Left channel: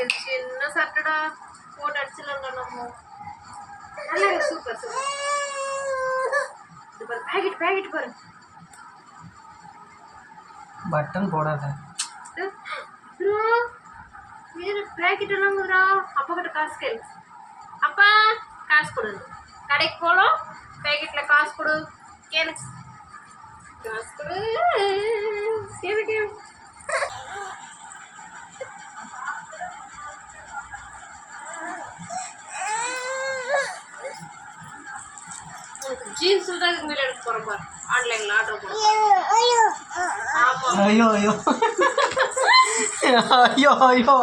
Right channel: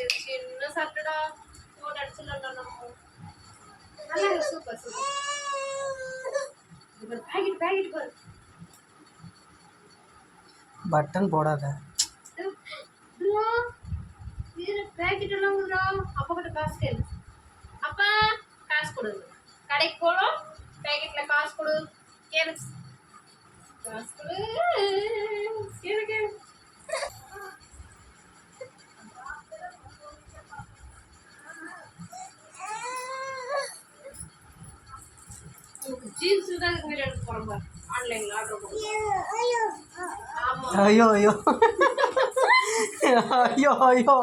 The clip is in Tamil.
இது சின்ன சட்டடா போட்டு அடிச்சிடலாம் நம்ம. நல்லா சூப்பர் சூப்பர் இது பாரு பேக்கெட் பேக்கெட் பாரு. பட்டன் போடாத. இதுல பேக்கெட் எல்லாம்ங்கறா அப்பா கிட்ட காசு கேளு. அப்பா காசு கொடு. கடைக்கு போறோம் பேக்கெட்ல காசு கொடு. கேளு. காசு கொடு. ஜீன்ஸ் தான் எடுக்க பாரு. ஆன்லைனில் ஆர்டர் ஐயோ ஐயோ ஐயோ.